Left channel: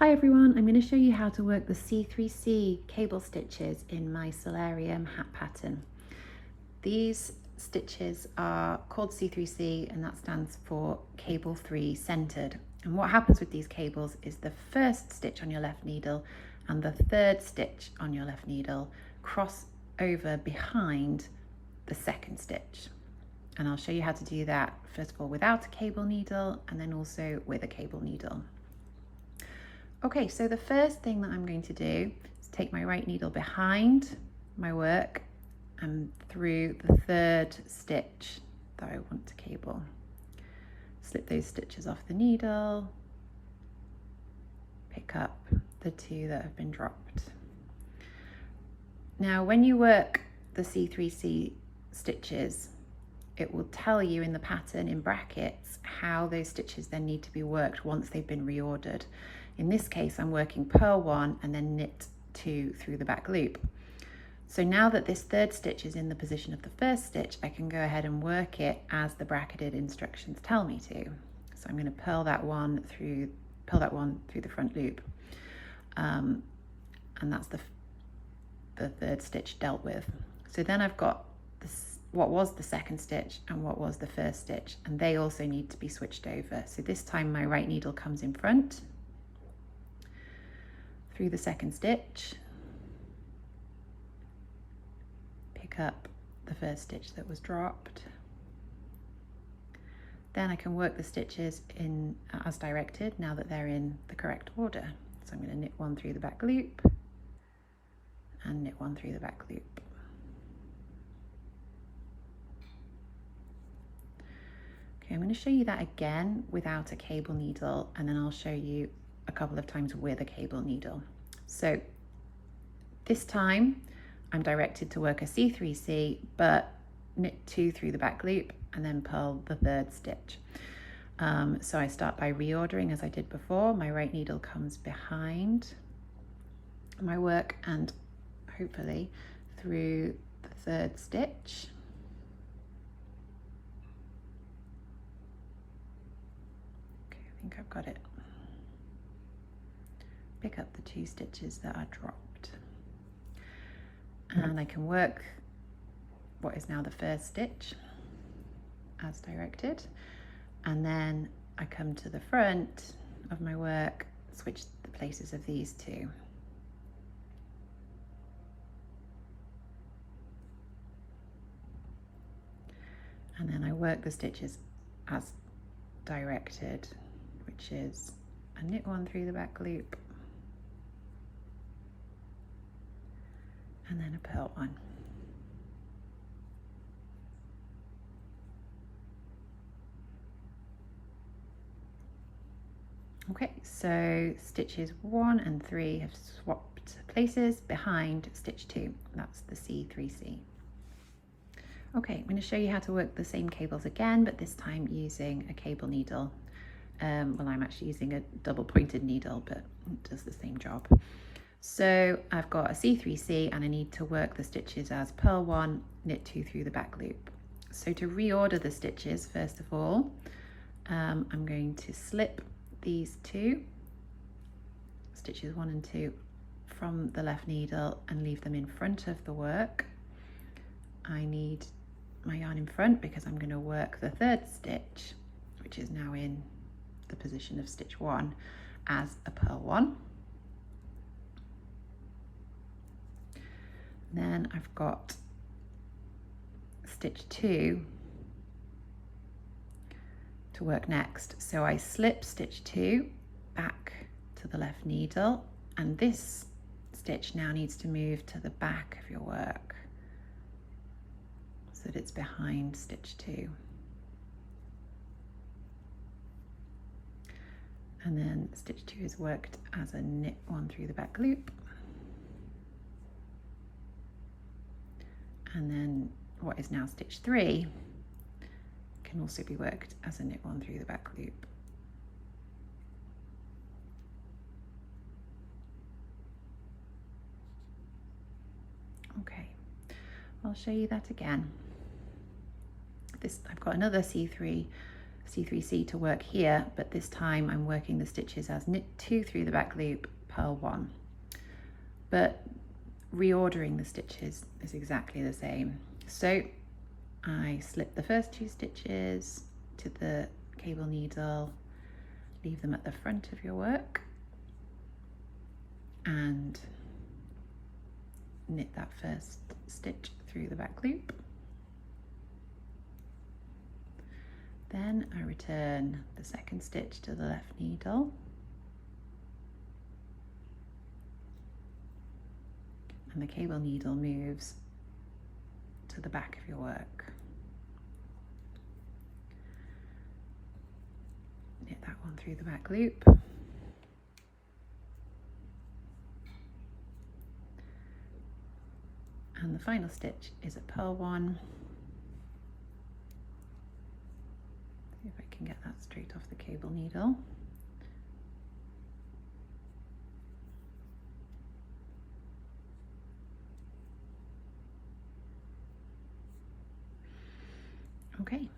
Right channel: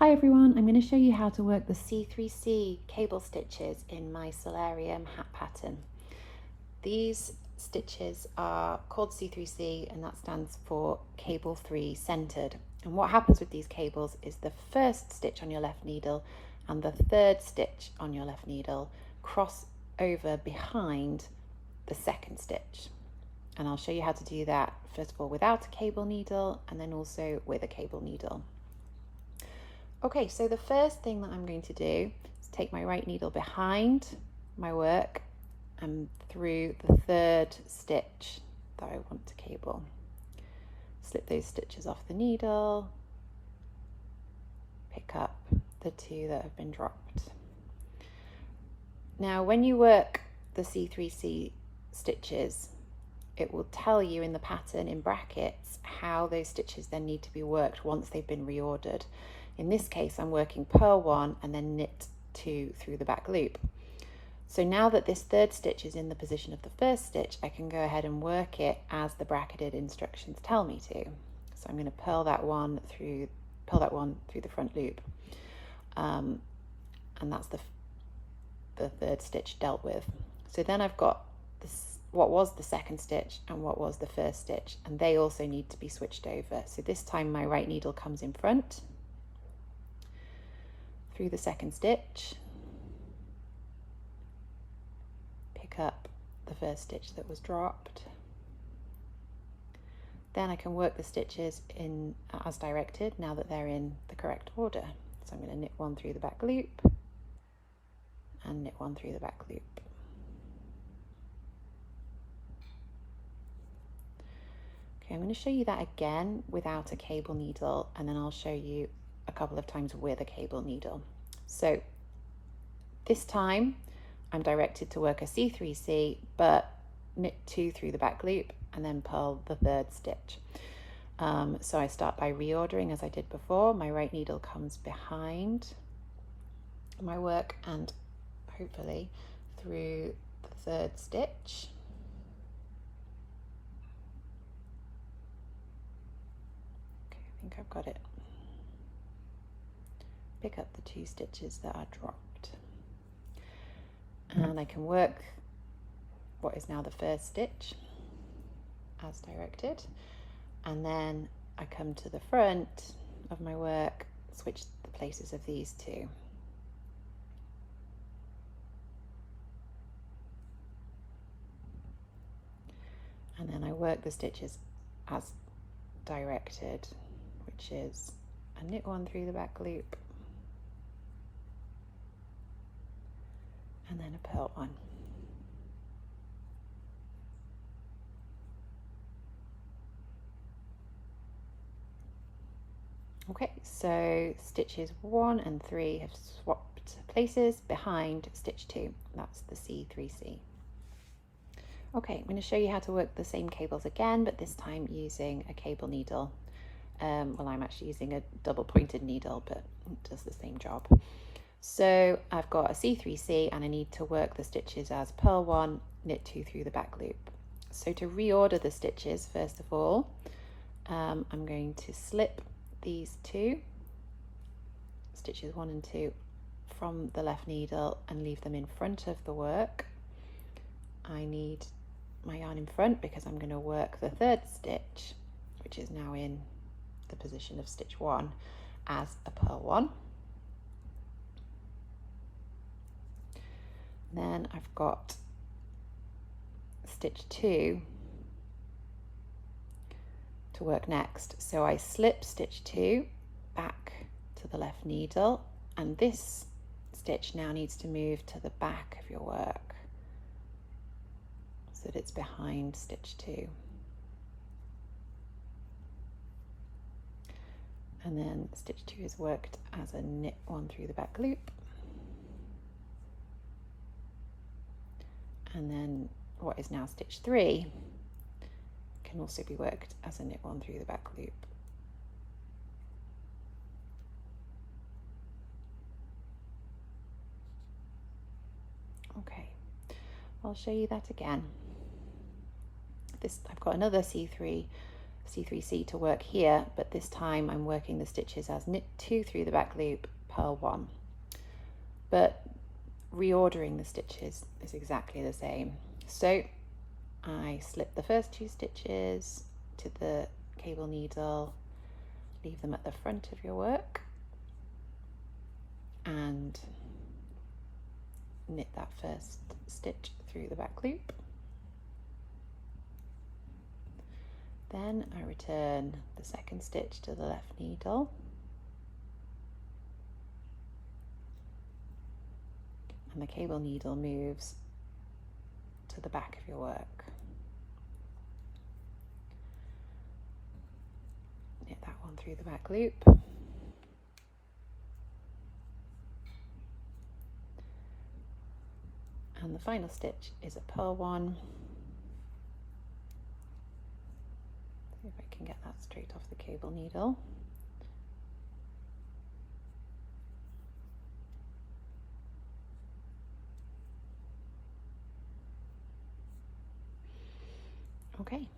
Hi everyone, I'm going to show you how to work the C3C cable stitches in my Cellarium hat pattern. These stitches are called C3C and that stands for cable 3 centered. And what happens with these cables is the first stitch on your left needle and the third stitch on your left needle cross over behind the second stitch. And I'll show you how to do that first of all without a cable needle and then also with a cable needle. Okay, so the first thing that I'm going to do is take my right needle behind my work and through the third stitch that I want to cable. Slip those stitches off the needle, pick up the two that have been dropped. Now, when you work the C3C stitches, it will tell you in the pattern in brackets how those stitches then need to be worked once they've been reordered. In this case, I'm working purl 1 and then knit 2 through the back loop. So now that this third stitch is in the position of the first stitch, I can go ahead and work it as the bracketed instructions tell me to. So I'm going to purl that one through the front loop, and that's the third stitch dealt with. So then I've got this, what was the second stitch and what was the first stitch, and they also need to be switched over. So this time my right needle comes in front through the second stitch, pick up the first stitch that was dropped. Then I can work the stitches in as directed now that they're in the correct order. So I'm going to knit 1 through the back loop and knit 1 through the back loop. Okay, I'm going to show you that again without a cable needle, and then I'll show you a couple of times with a cable needle. So this time I'm directed to work a C3C, but knit 2 through the back loop and then purl the third stitch. So I start by reordering as I did before. My right needle comes behind my work and hopefully through the third stitch. Okay, I think I've got it. Pick up the 2 stitches that are dropped. And I can work what is now the first stitch as directed, and then I come to the front of my work, switch the places of these 2. And then I work the stitches as directed, which is a knit 1 through the back loop and then a purl 1. Okay, so stitches 1 and 3 have swapped places behind stitch 2. That's the C3C. Okay, I'm going to show you how to work the same cables again, but this time using a cable needle. Well, I'm actually using a double pointed needle, but it does the same job. So I've got a C3C and I need to work the stitches as purl 1, knit 2 through the back loop. So to reorder the stitches, first of all, I'm going to slip these 2 stitches 1 and 2 from the left needle and leave them in front of the work. I need my yarn in front because I'm going to work the third stitch, which is now in the position of stitch 1, as a purl 1. Then I've got stitch 2 to work next. So I slip stitch 2 back to the left needle, and this stitch now needs to move to the back of your work so that it's behind stitch 2. And then stitch 2 is worked as a knit 1 through the back loop. And then what is now stitch 3 can also be worked as a knit 1 through the back loop. Okay, I'll show you that again. I've got another C3 C3C to work here, but this time I'm working the stitches as knit 2 through the back loop, purl 1. But reordering the stitches is exactly the same. So I slip the first 2 stitches to the cable needle, leave them at the front of your work, and knit that first stitch through the back loop. Then I return the second stitch to the left needle, and the cable needle moves to the back of your work. Knit that one through the back loop. And the final stitch is a purl 1. See if I can get that straight off the cable needle. Okay.